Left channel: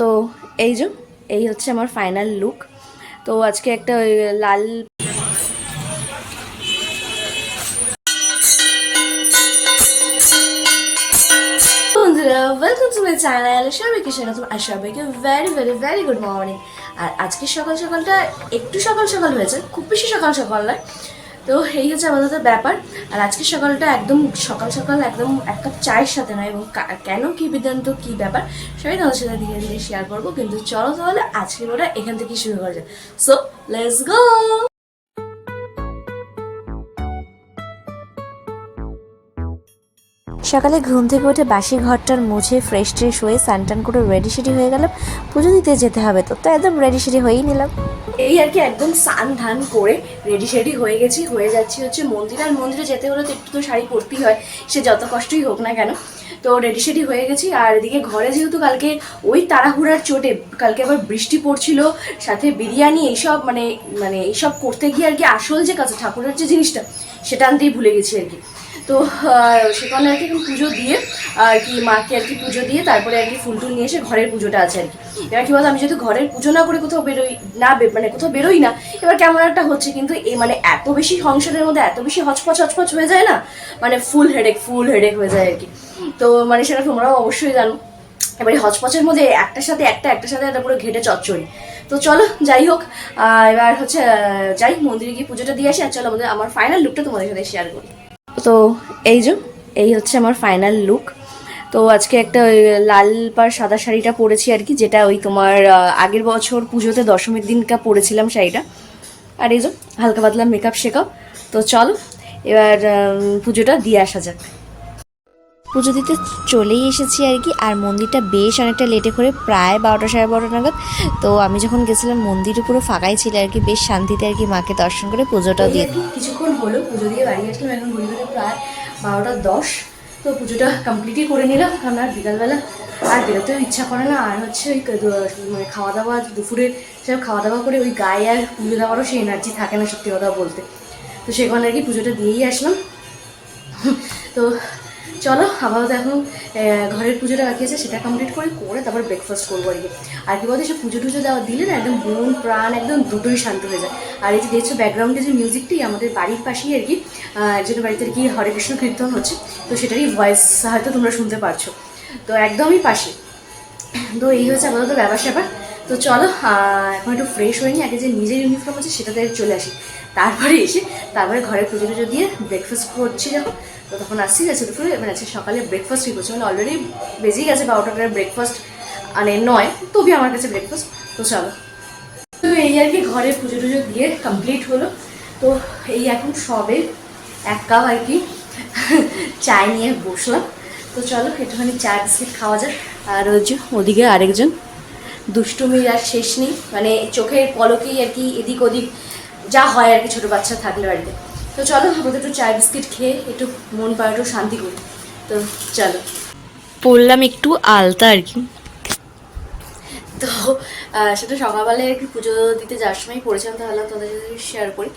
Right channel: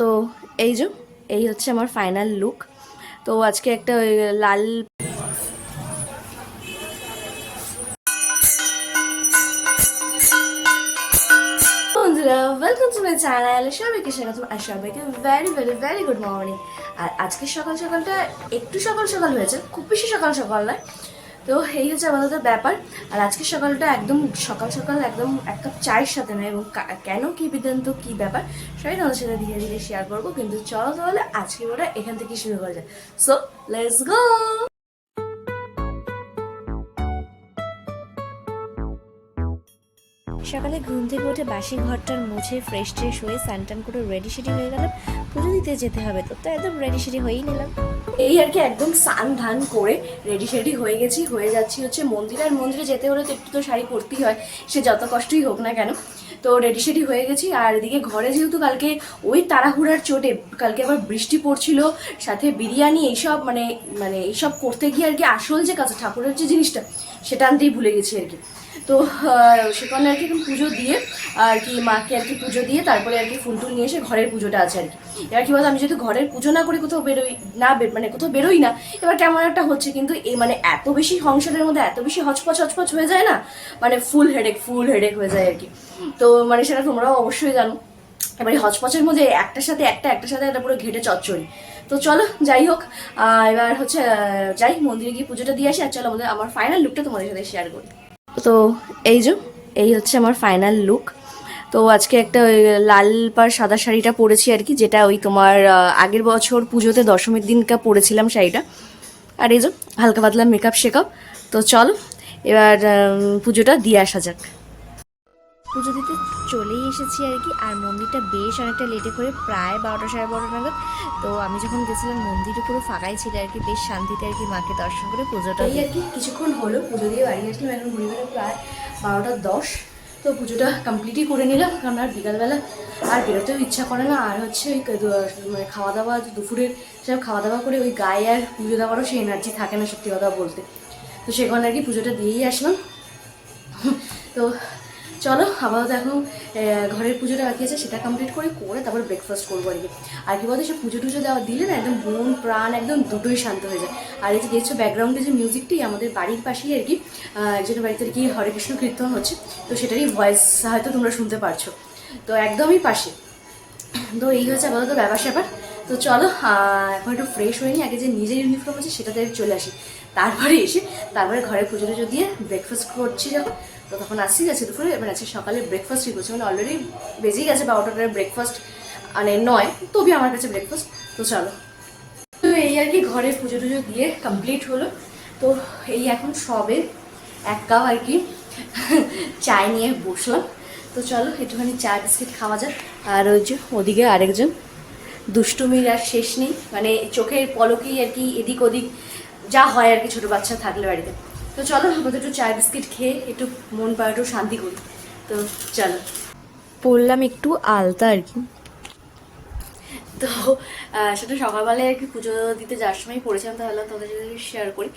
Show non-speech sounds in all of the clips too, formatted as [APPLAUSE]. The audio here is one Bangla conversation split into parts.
তো এই যে, এই হচ্ছে আমার ফাইনাল লুক তো আজকে একটা লাল আর গুড আর আজকে সকাল সকালটা একটু সকাল সকাল হয়েছে, খুব বেশি সকাল সকাল নয়। তো এই হচ্ছে আমাদের ব্যাপার। আর আজকে সকালটা একদম সকাল সকাল একদম এক কাপ চায়ের সাথে নয় এবং কেন কি বিদ্যান্ত, কি ব্যাপার সেটাই তাদের সাথে ধীরে ধীরে শেয়ার করব। কিন্তু চলো তাহলে আজকের ওটা এখান থেকেই শুরু করা যায় সো লেটস গো সকালে ঘুম থেকে উঠে বাসি ঘরটার মুছে ফ্রেশ ট্রেশ হয়ে স্নান করে রেডি সেডি হয়ে গেলাম। পুজো দিতে যেতে হবে তো তো একদম রেডি সেডি হয়েই নিলাম। এই আর কি একদম স্নান ধান করে রেডি সেডি হয়ে গেছি, হয়ে যাচ্ছি হচ্ছে মন্দির। আর মন্দিরে যেতে হলে তো একটু তো শাড়ি পরতেই হয়, সে যত কষ্টই হোক না কেন। তো রেডি সেডি হয়ে গেছি, আর এদিকে ঘরে যেহেতু কালকে ওই তাড়াহুড়ার চোটে, কালকে আবার বৃষ্টি পড়ছিল, সাথে বিরিয়ানি এইসব মানে মানে এইসব করতে গিয়ে আর কি আসল যে কাছে ঠাকুরের যে জিনিসটা, সেটা আনতেই ভুলে গেছি আর কি। তো সেখানে আর কি পুজো দিয়ে, আর কি মাকে আর কি পুজো দিয়ে তারপরে আর কি ফুল টুল নিয়ে এসে ঘরের পুজোটা আছে আর কি। এবার কি বলতো, আমি যদি ঘরের পুজো না করে কোথাও বেরোই, না মানে কোথাও বেরোই না, এবার কেমন একটা হচ্ছে কিন্তু এই মানে এত বেশি সংসারের মধ্যে এত বেশি হচপচ হচপচ হয়ে যায় না মানে ফুল হেডেক ফুল হেডেক হয়ে যায় আর কি। তো মানে সেটা তোমরাও অবশ্যই জানো। এবারে হচপচের মধ্যে একটার সাথে একটা, একটার সাথে একটা পুরো ঘেটে চচ্চড়ি। তো চলো, যাই হোক এবার হচ্ছে যাই, মন্দিরে গিয়ে পুজোটা দিয়ে আসি, আর চলো আমাদের, আমার ফাইনাল লুকটা তোমাদের সাথে শেয়ার করি তো এই যে, এই হচ্ছে আমার ফাইনাল লুক তো আজকে একটা লাল পার সাদা শাড়িটা পরেছি আর কি, যেটা ওই তোমার আগের বছর পুজোতে দশমীর দিনকা পরেছিলাম শাড়িটা। আর এই যে, হালকা পাতলা মেকআপ শেকআপ তো চলো, এবার পুজোটা দিয়ে আসা যাক। পুজো দিতে চলেই এসেছি আর কি। আর মন্দিরটা বেশ অনেকটা লেটে করে প্রায় বারোটা সাড়ে বারোটা নাগাদ। তো আমি যখন গেছিলাম মন্দিরে পুরো ফাঁকাই ছিল আর কি। বেশ শান্তিতে আর কি মাকে দর্শন করে পুজোটাও দিয়ে কিছুক্ষণ হলো পুজো দিয়ে বাড়ি আসলাম। এখন ঘুরে ঘুরে প্রায় বারোটা দশ। তো পুজোটা কমপ্লিটই করে নিলাম। কারণ আর বিকালবেলা আর বেরোতেও ইচ্ছা করে না। আর হচ্ছে ওই মানে খাওয়া দাওয়া দুপুরে সব খাওয়া দাওয়া করে ওই গায়ে আর পুজো দেওয়ারও সেই এনার্জি থাকে না সত্যি কথা বলতে। তো সেখানে আর কি পুজোটা দিয়েই আসলাম। তো চলো, আপাতত এখন ঘরের পুজোটা বাকি আছে, সেটা কমপ্লিট করে করে তারপর ব্রেকফাস্ট করব আর কি। আর কি বলতো, সে পুজো টুজো দেওয়া দিলে না একদম মন, প্রাণ একদম দুটোই শান্ত হয়ে যায়। আর এই যে দেখছ ব্যাকগ্রাউন্ডে যে মিউজিকটি আমাদের বাড়ির পাশেই আর কি একজনের বাড়িতে আর কি হরে কৃষ্ণ কীর্তন হচ্ছে, তো সেটারই ভয়েস হয়তো তোমরা শুনতে পারছ। তো একদমই পাশে। তো এই হচ্ছে আপাতত ব্যাপার স্যাপার তো চলো এখন একটু ফ্রেশ হয়নি আগে যে নিজের ইউনিফর্ম আছে সেটাতে চলে আসি। তারপরে এসে তারপরে ঘরে পুজো টুজো দিয়ে ব্রেকফাস্ট করছি যখন তো তখন আসছি গেছে দুপুরে মানে আজকে সকালে ব্রেকফাস্টই করছি মানে অলরেডি বেজেই গেছে বারোটা করে ব্রেকফাস্ট মানে নয় তবে আমার কাছে ব্রেকফাস্ট তো চলো। তো এই আর কি ঘরে পুজো টুজো দিয়ে কমপ্লিট হলো। তো এই এখন সবে এক কাপ আর কি চায় নিয়ে বসলাম। তো চলো, একটুখানি চা বিস্কিট খাওয়া যাক। আর ওই যে ওদিকে আরেকজন। দুষ্টুমির আর শেষ নেই। মানে চোখের পলকেই আর কি এদিক ওদিক যা হয় আর কি, ছোটো বাচ্চা থাকলে বাড়িতে। তো চলো, আমাদের একটু চা বিস্কিট খেয়ে একটু মন একটু শান্তি করি। তো চলো। পড়লাম একটু আলতা আর কি। তো সেটা সকালবেলায় আর কি পুজো দিতে যাওয়ার সময় পড়েছিলাম, তাহলে তাদের সাথে শেয়ার করি।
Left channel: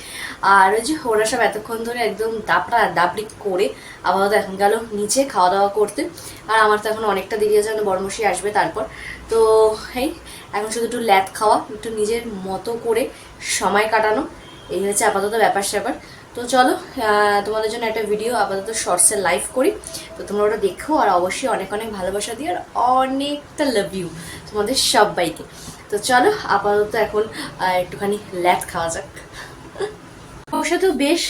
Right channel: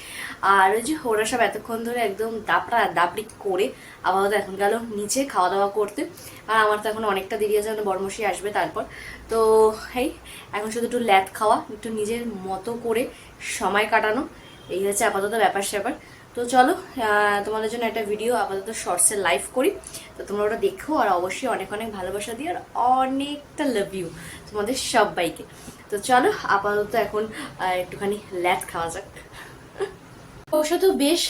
আর ওই যে ওরা সব এতক্ষণ ধরে একদম দাপড়া দাপড়ি করে আপাতত এখন গেল নিচে খাওয়া দাওয়া করতে। আর আমার তো এখন অনেকটা দেরি আছে মানে বড়মশি আসবে তারপর। তো এই এখন শুধু একটু ল্যাদ খাওয়া, একটু নিজের মতো করে সময় কাটানো। এই হচ্ছে আপাতত ব্যাপার স্যাপার তো চলো তোমাদের জন্য একটা ভিডিও আপাতত শর্টসে লাইভ করি। তো তোমরা ওটা দেখো আর অবশ্যই অনেক অনেক ভালোবাসা দিও আর অনেকটা লাভ ইউ তোমাদের সবাইকে। তো চলো, আপাতত এখন একটুখানি ল্যাথ খাওয়া যাক। সাথেও বেশ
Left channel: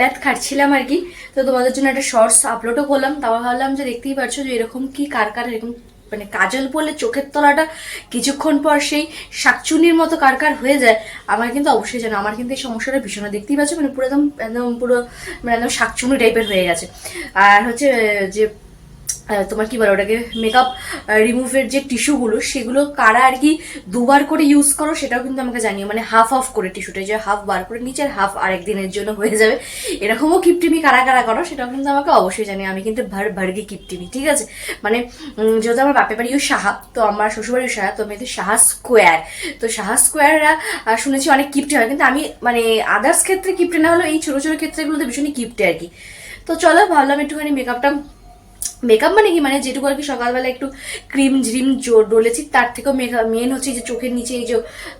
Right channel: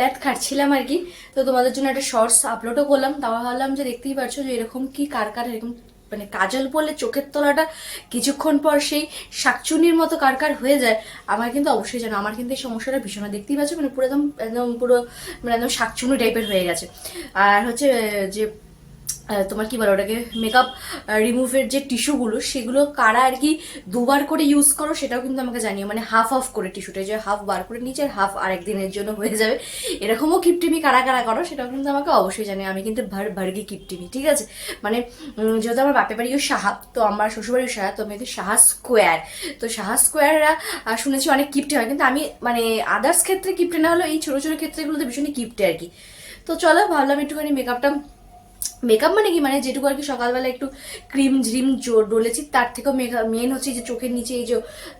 ল্যাথ খাচ্ছিলাম আর কি। তো তোমাদের জন্য একটা শর্টস আপলোডও করলাম। তাও ভাবলাম যে দেখতেই পারছ যে এরকম কি কার কার এরকম মানে কাজল পরলে চোখের তলাটা কিছুক্ষণ পর সেই শাকচুনির মতো কারকার কার হয়ে যায়, আমার কিন্তু অবশ্যই জানো, আমার কিন্তু এই সমস্যাটা ভীষণ দেখতেই পাচ্ছ মানে পুরো একদম একদম পুরো মানে একদম শাকচুনি টাইপের হয়ে গেছে। আর হচ্ছে যে তোমার কি বলে ওটাকে মেকআপ রিমুভের যে টিস্যুগুলো সেগুলো কারা আর কি দুবার করে ইউজ করো, সেটাও কিন্তু আমাকে জানিও। মানে হাফ অফ করে টিস্যুটা যে হাফ বার করে নিচে আর হাফ আরেক দিনের জন্য হয়ে যাবে। এরকমও কিপটিমি কারা কারা করো, সেটাও কিন্তু আমাকে অবশ্যই জানিও। আমি কিন্তু ভার, ভার্গি কিপটিমি ঠিক আছে? মানে যেহেতু আমার বাপের বাড়িও সাহা, তো আমার শ্বশুরবাড়িও সাহা, তো আমি সাহা স্কোয়ার তো সাহা স্কোয়াররা শুনেছি অনেক কিপটে হয়, কিন্তু আমি মানে আদার্স ক্ষেত্রে কিপটে না হলেও এই ছোটো ছোটো ক্ষেত্রেগুলোতে ভীষণই কিপটে আর কি। তো চলো, ভাবলাম একটুখানি মেকআপটা মেকআপ মানে কি? মানে যেটুকু আর কি সকালবেলা একটু ক্রিম ঝ্রিম জো- ডলেছি, তার থেকেও মেকআপ মেন হচ্ছে যে চোখের নিচে এই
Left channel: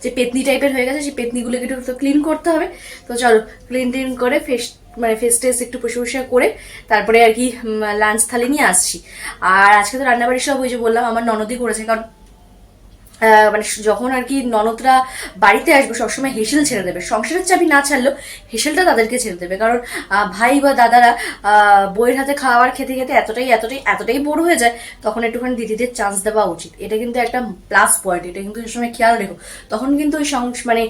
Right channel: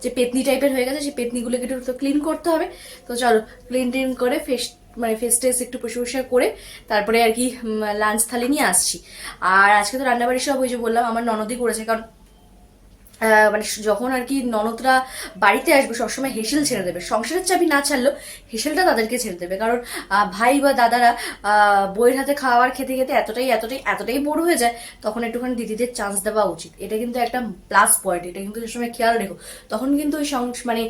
যে পেতনি টাইপের হয়ে গেছে, সেই পেতনিগুলোকে একটু ক্লিন করতে হবে। তো চলো ক্লিন ট্লিন করে ফেস মানে ফেস টেস একটু প্রশংসা করে তারপরে আর কি লাঞ্চ থালি নিয়ে আসছি। আর আজকে তো রান্নাবাড়ি সব ওই যে বললাম, আমার ননদই করেছে। কারণ মানে যখন আর কি ননদরা বাড়িতে আসবে, সবসময় হেসেল ছেড়ে দেবে। সংসারের চাবি না ছাড়লেও হেসেলটা তাদেরকে ছেড়ে দেবে। কারণ ভাই বা দাদারা বইয়ের হাতে খাওয়ার খেতে খেতে এতটাই এতটাই এতটাই বোর হয়ে যায়, তখন একটুখানি দিদিদের চান্স দেওয়া উচিত। এটা কিন্তু একটা প্লাস পয়েন্ট এটা কিন্তু সময় খেয়াল রেখো। তখন কিন্তু ওই মানে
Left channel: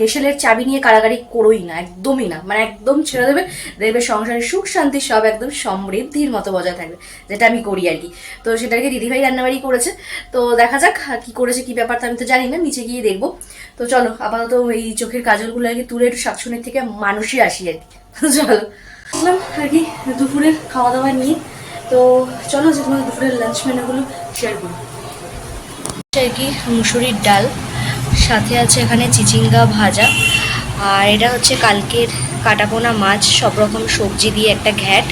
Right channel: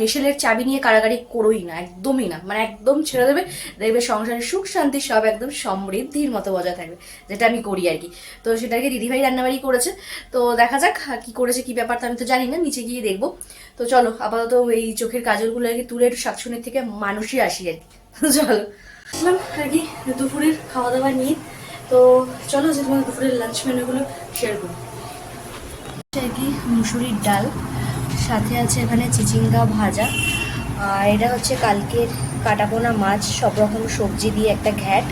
হেসেলের চাবি নিয়ে কারাগারি করোই না, একদমই না। মানে একদম ছেড়ে দেবে, দেখবে সংসারের সুখ শান্তি সব একদম সমৃদ্ধির মতো বজায় থাকবে, যেটা আমি করি আর কি। তো সেটা আর কি দিদিভাই রান্নাবাড়ি করেছে। তো দেখা যাক কি করেছে কি ব্যাপারটা আমি তো জানি না, নিচে গিয়ে দেখব। তো চলো, আপাতত এই চোখের কাজলগুলো আর কি তুলে একটু শাকসুনির থেকে মানুষই আসি আর কি। চলো আর কি দুপুরের খাওয়া দাওয়া নিয়ে। তো চলো, যে তোমার দুপুরের লাঞ্চ মেনুগুলো শেয়ার করি। আর কি মুসুরির ডাল, সাথে আছে এখানে চিচিঙ্গা ভাজা, আর এটা হচ্ছে কালকের কাটাপোনা মাছ, সব রকম সবজি দিয়ে একটা ঘ্যাট,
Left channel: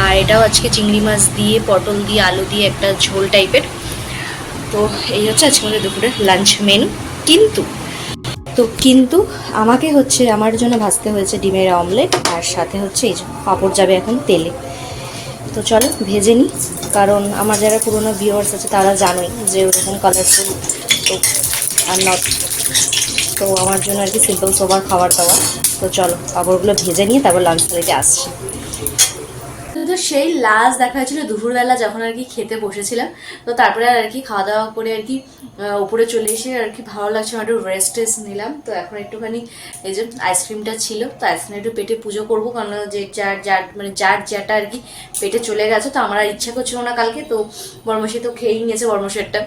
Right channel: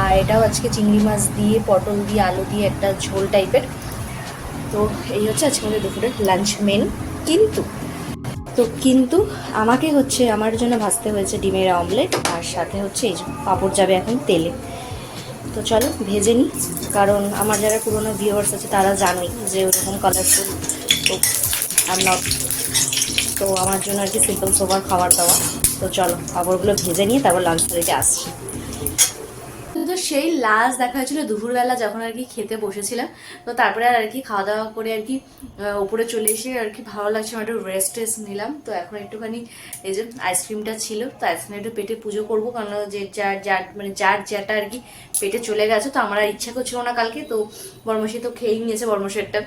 আর এটাও আজকে চিংড়ি মাছ দিয়ে, পটল দিয়ে, আলু দিয়ে একটা ঝোল টাইপের তো এই হচ্ছে আজকে আমাদের দুপুরের লাঞ্চ মেনু কিন্তু, তো কিন্তু আমাকে হচ্ছে, আমার জন্য ভাজতে হয়েছে ডিমের অমলেট আর সাথে হচ্ছে এই পাঁপড় যাবে এখন তেলে। তো চলো, ভেজে নিই। কারণ আমার যারা পুরোনো ভিউয়ার্স আছে, তারা জানোই যে ওরকম কালারফুল তো আর নট তো আমার জন্য আর কি সিম্পল সোবার খাবার দাওয়া তো চলো, পাঁপড়গুলো ভেজে নিয়ে তারপর লাঞ্চ প্লেটে আসছি। তো সেই লাস্ট দেখা হয়েছিল দুপুরবেলা যখন আর কি খেতে বসেছিলাম। তো তারপরে আর কি খাওয়া দাওয়া করে আর কি উপরে চলে এসে আর কি ভালো লাগছে, একটু রেস্ট টেস্ট নিলাম। তো এখন একটুখানি এই যে আইসক্রিমটা ছিল, তো আইসক্রিম একটু পেটে পুজো করব কারণ যে যার যার মানে যার যেটা আর কি পেটে চলে গেছে, তো আমার আর ইচ্ছা করছিল না কালকে, তো বর্মশি তো খেয়েই নিয়েছে বর্মশেরটা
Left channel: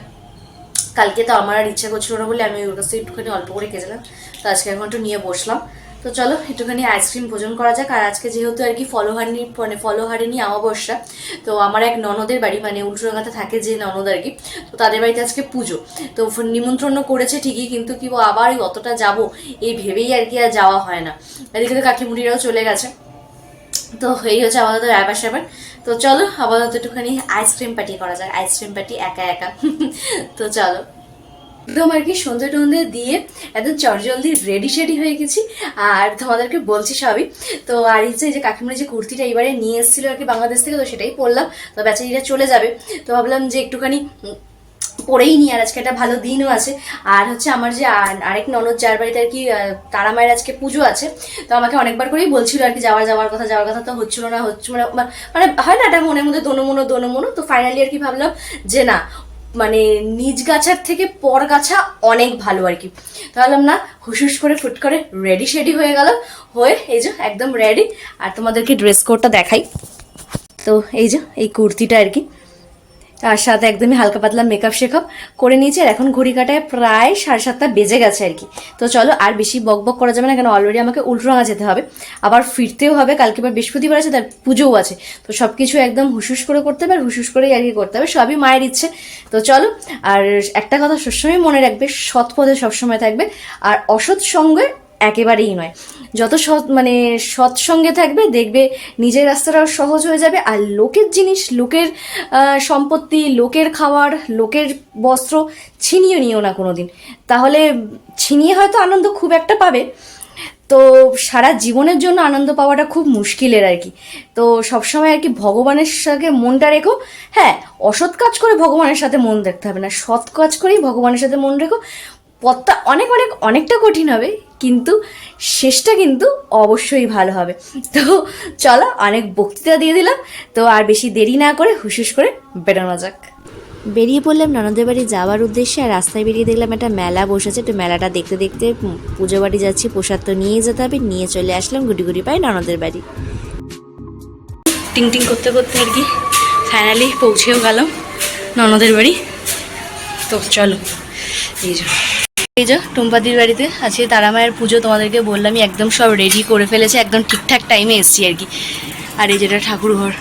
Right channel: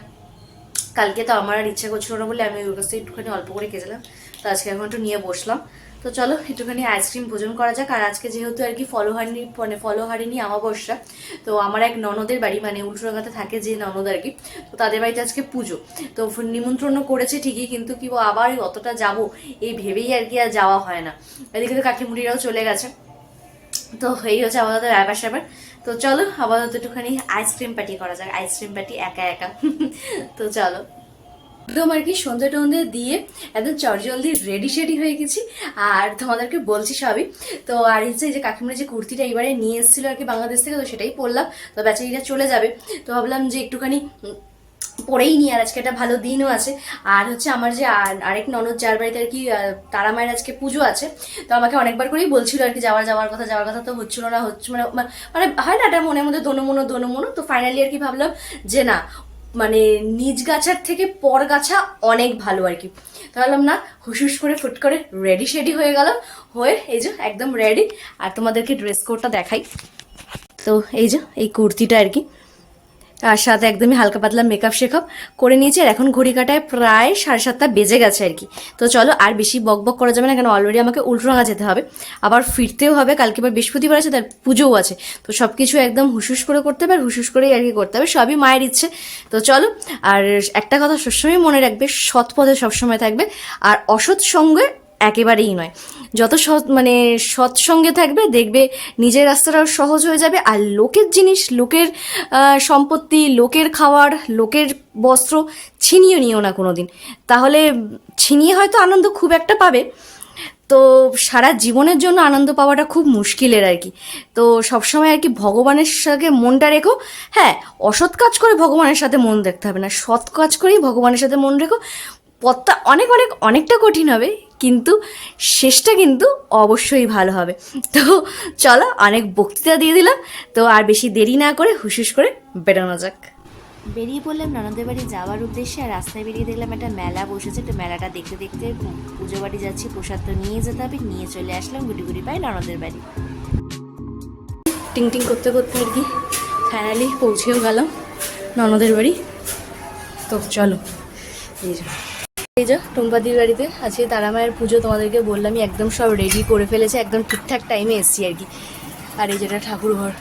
কালকে তো আমার আর ইচ্ছা করছিল না বলে আমি ওর কাছে একটুখানি অল্প করে খেয়েছিলাম। তো আজকে এখন একটু নিয়ে বসলাম। তো চলো, একটুখানি আইসক্রিম ভোজন করা যাক। আর আজকে যেহেতু আর কি ফলোহারিনি মানে ফলোহারিনি আমাবস্যা তো আমার এক ননদের বাড়ি মানে উল্টোডাঙ্গাতে থাকে যে ননদ আর কি, তো তাদের বাড়িতে আজকে পুজো। তো নিমন্ত্রণও করেছে ঠিকই, কিন্তু কি আবার ওই অতটা যাব, এই ভেবেই আর কি আর যাওয়া হয় না। এদিকে তো কাকিমুড়িরাও চলে গেছে। তো এই হচ্ছে আপাতত ব্যাপার স্যাপার। তো চলো, আপাতত একটুখানি আইসক্রিম পার্টি করা যাক। আইসক্রিম পার্টি একা একা। [LAUGHS] তো চলো। একদম আর কি সন্ধে টন্ধে দিয়ে একদম চটজলদি রেডি শেডি হয়ে গেছি। আর তোমাদেরকে বলছি সবই। তো আর হচ্ছে যে কাকিমার যে কুর্তিটা এবারে নিয়ে এসেছিল আর কি বাংলাদেশ থেকে, তো সেটাই পরলাম। তো বেচারিটা চলে যাবে। তো ভাবলাম যে একটুখানি পরেই নি আর আজকে একটা ভালো দিনও আছে। আর হচ্ছে আমার যে আর- আরেক ননদ, যার বাড়িতে আর কি তারা মায়ের আজকে পুজো আছে, তো আমাকে অনেকবার করেই বলছিল আর কি, যাওয়ার যাওয়ার কথা যাওয়ার কথা তো হচ্ছিল না হচ্ছে মানে মানে হয় না এটা মনের মধ্যে দোনো মনো দোনো মনো। তো ফাইনালি আর কি ভাবলাম যে না মানে নিজ গাছার থেকে পর গাছা অনেক ভালো আর কি। তাহলে না হুসুস করে, ফুট করে রেডি শেডি হয়ে গেল। হয়ে এই যে একদম রেডি আর তোমাদেরকে ড্রেস কোডটা দেখাই। তো এই যে, এই কুর্তিটা আর কি। তার সাথে একদমই হালকা পাতলা মেকআপ শেকআপ করে নিয়েছি। আর এখন ঘড়ি কাটায় প্রায় সাড়ে সাতটা বেজে গেছে আর কি। তো চলো আর বেশি বক বক করা যাবে না, কেন অলরেডি আমাকে উল্টোরাঙা যেতে হবে। আবার ফিরতেও হবে, কালকে আবার বৃহস্পতিবার আছে, তার পুজোও আছে। তো সব কিছু একদম হুসুস করে করতে হবে, আর হুসুস করেই আর কি করতে হবে, সবই মায়ের ইচ্ছে। তো চলো, আর একটা কথা সবসময় মনে রাখবে, সৎ পথে সবসময় থাকবে, আর অসৎ সঙ্গে একেবারেই নয়। যত সৎ মানে সৎসঙ্গে থাকবে, দেখবে নিজের রাস্তাটাও সহজ হয়ে যাবে। আর লোকের জিনিস, লোকের সম্পত্তি, লোকের খাবার লোকের বস্ত্র ছিনিয়ে নিও না কোনো দিন তাহলে ছিনিয়ে হয়তো আনন্দ খুব একটা পাবে। তো সারা জীবনের জন্য আনন্দ পাওয়াটা খুব মুশকিলের আর কি। তো সবসময় আর কি ভগবানের সাথে মনটা রেখো। হ্যাঁ অসৎ কাজ করে ভগবানের সাথে মন রাখতে হবে না। সৎ কাজ করেই ভগবানের সাথে মন রেখো। পথটা অনেক অনেক অনেকটা কঠিন হবে। কিন্তু শেষটা কিন্তু অবশ্যই ভালো হবে। তো চলো অনেক বক্তৃতা দিয়ে দিলাম। তো আর বেশি দেরি না করে হুসুস করে বেরোনো যাক। বেরিয়ে পড়লাম ননদের বাড়ি যাওয়ার উদ্দেশ্যে আর রাস্তায় বেরিয়ে দেখলাম একটা মেলা বসেছে। তো মেলাটা দেখতে দেখতে পুজো বাড়ি যাচ্ছি প্রসাদ তো নিয়ে যেতে হবে। নিয়ে চলে আসলাম গুটি গুটি পাই ননদের বাড়ি। টিং টিং করতে করতে আর কি ফাইনালি পৌঁছেও গেলাম ননদের বাড়ি। তো চলো এই যে এই যে টুম্পাদির বাড়িতে আজকে তারা মায়ের পুজো তোমাদেরকে বললামই, একদম সব রেডি করে ফেলেছে, একদম ঠিকঠাক টাইমে এসছি আর কি। আর এই যেটা ঠাকুর ঘর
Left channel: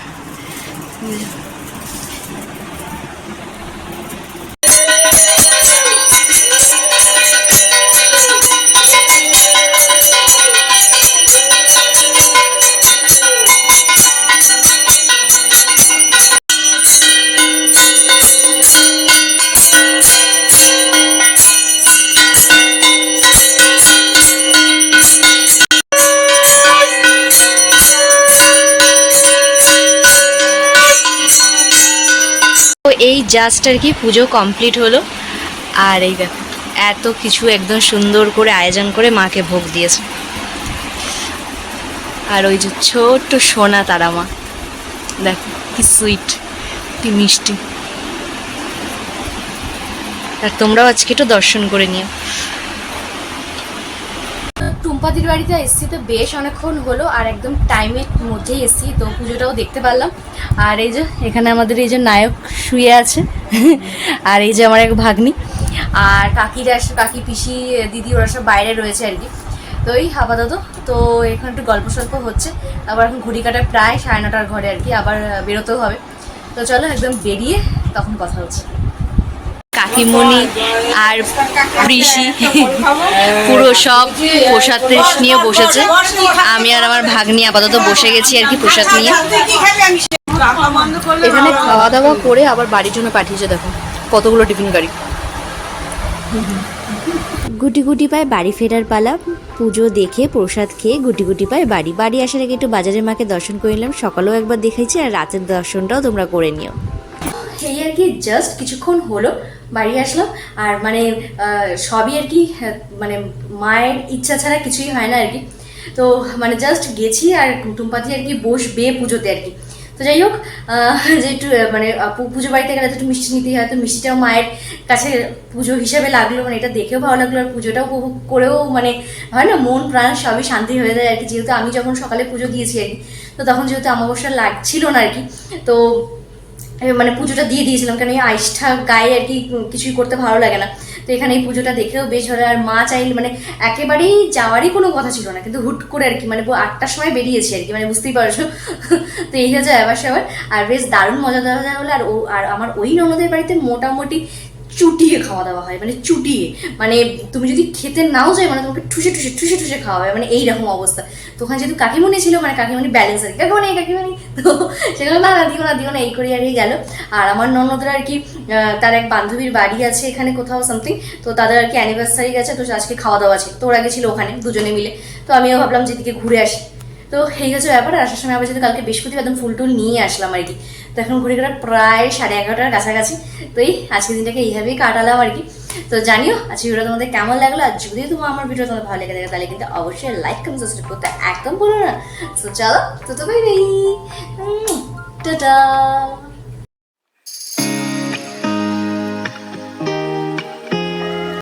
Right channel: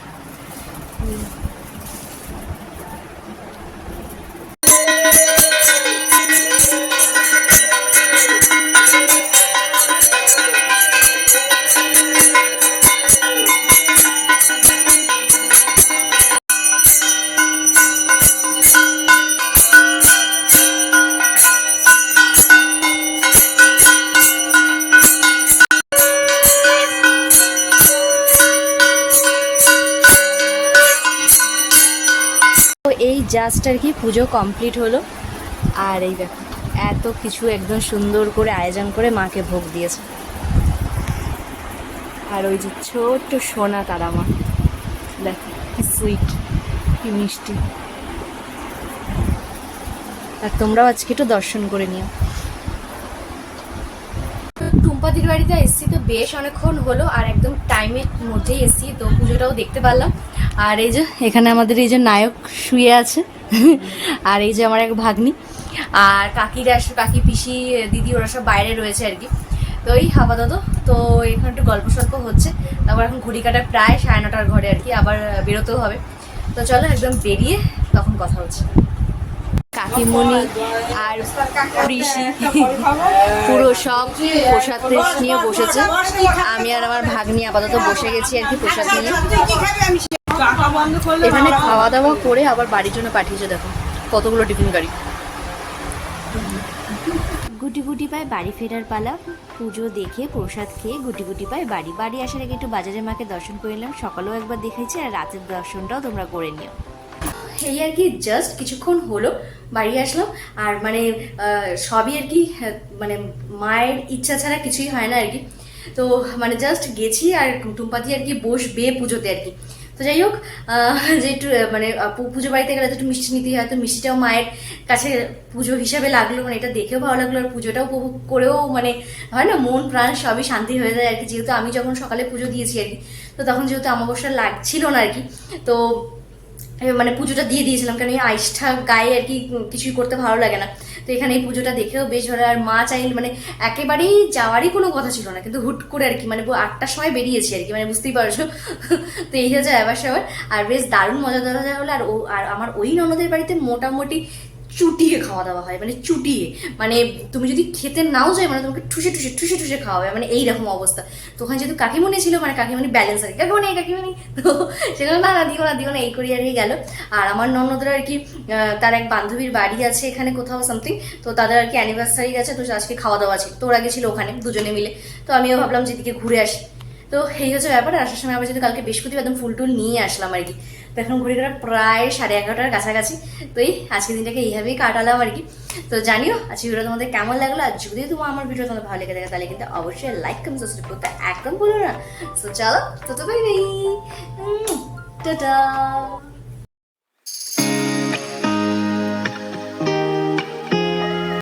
জাস্ট আর কি পুজো কমপ্লিট হলো। আর এই দেখো, এত কিছু একদম সুন্দর করে আয়োজন করে মাকে ভোগ দিয়েছে। আর ওই যে ছোট্ট সোনা তারা মা দেখো কি সুইট কি মিষ্টি। আর তোমরাও আজকে একটু দর্শন করে নিও। বাড়িতে এসেছি তো বেশ অনেকক্ষণ হলো আর একদম টাইমের মধ্যেই এসেছি, তো পুজোটাও দেখতে পারলাম। আর এই যে, এখানে আমাদের এই যে নায়ক শুয়ে আছে, আর এই যে আমার এক ভাগ্নি। আর কাকিরা কাকি পিসি, দিদি, ওরা সব বাইরে রয়েছে আর কি। তো এই আপাতত, তো এখানে একটু গল্প সল্প হচ্ছে। আবার এখন ঘড়ি কাটায় প্রায় সাড়ে নটার ঘরে আর কি, আবার বেরোতেও হবে। তো চলো একদম বেরিয়ে তখন কথা হচ্ছে। কাকিমণি আর ঋষি, পুরো সব প্রসাদ নিয়ে বসেছে। আমি আর আমার ভাগ্নি আপাতত বসে গেছি আর কি প্রসাদ নিয়ে। এখানে খাওয়া দাওয়া করে আবার বাড়ির জন্য পাঠিয়েছে, দেখো, কতগুলো টিফিন গাড়ি। গুটি গুটি পায় বাড়ি ফেরার পালা, পুজো দেখে প্রসাদ খেয়ে গুটি গুটি পায় বাড়ি। বাড়ি আসার আগে একটু বাজারের মাকে দর্শন করে নিলাম, সকালেও একবার দেখেছি আর রাতের দর্শনটাও তোমরা করে নিও। এই আর কি জাস্ট কিছুক্ষণ হলো বাড়ি আসলাম। আর মানে সবই আর কি আহ, মানে মায়ের ইচ্ছা ছাড়া কিছুই হয় না আর কি। তো মানে জাস্ট গেছি আর টুম্পাতি আর কি বসবে পুজোতে আর কি। তো যাই হোক যে একটু মানে পুজো বাড়িতে গেলে একটু মিষ্টি নিতেই হয় তো মিষ্টিটাও মায়ের কাছে পুজো হিসাবে লাগল মানে এটা দেখেও ভালো লাগল আর পুজোটাও উপভোগ করেও মানে হয় না মন প্রাণ সবই শান্তি হয়ে যায় আর কি। যেহেতু আমি যখন সকালে পুজো দিয়েছি আর কি তো তখন যেহেতু অমাবস্যা লাগছিল না আর কি তো মানে পুজোটা দিয়ে দিয়েছিলাম, কারণ এই আইসটা গায়ে আর কি কিছুই করতে ভালো লাগে না। তো এখানে এই পুজোটা দেখেও বেশ ভালো আর মা চাইল মানে একেবারেই যাওয়ারই কোনো কথা ছিল না, কিন্তু হুট করে আর কি মানে আটটার সময় বেরিয়েছি আর কি মানে বুঝতেই পারছ। [LAUGHS] তো এই হচ্ছে আবার সবার আর বেশ দারুণ মজা দেওয়া হলো। আর ও, আর আমার ওই ননদের বাড়িতে মোটামুটি চুটিয়ে খাওয়া দাওয়া হয় মানে চুটিয়ে। মানে তুমি যদি খেতে নাও যাই মানে তোমাকে ঠুসে ঠুসে ঠুসে ঠুসে খাওয়া হয় মানে এইরকম অবস্থা। তো ওখানে যেহেতু কাকিমণি ছিল মানে কাকিমণি ব্যালেন্স আর কাকিমণি কাকিমণি। তো সেগুলো না না, দিও না দিও না, এই করে আর গেল। আর আমার ননদের আর কি তার এক বান্ধবীর বাড়ি আছে এখানে কোথাও সামথিং তো তাদের আর কি অ্যানিভার্সারি গেছে, তো আজকে খাওয়া দাওয়া আছে। তো ওরা গেছিল ওখানে, দুজনে মিলে। তো আমিও ভাবলাম যে এদিকে ঘুরে আসি। তো এই হচ্ছে ব্যাপার আসার সময় আবার যদি কালকে বৃহস্পতিবার একদম ফুল টুল নিয়ে আসলাম আর কি। তো এখন ঘুরে ঘুরে প্রায় সাড়ে এগারোটার কাছাকাছি। তো এই আজকের দিনটাকে এইভাবেই কাটালাম আর কি। তো জানিও আজকে ভিডিও তোমাদের কেমন লাগল? আর যদি তোমার আমার ভিডিও তোমার ভালো লেগে থাকে, তাহলে কিন্তু অবশ্যই লাইক কমেন্ট সাবস্ক্রাইব করতে একদম ভুলো না। তো চলো, তো তো বাই বাই টাটা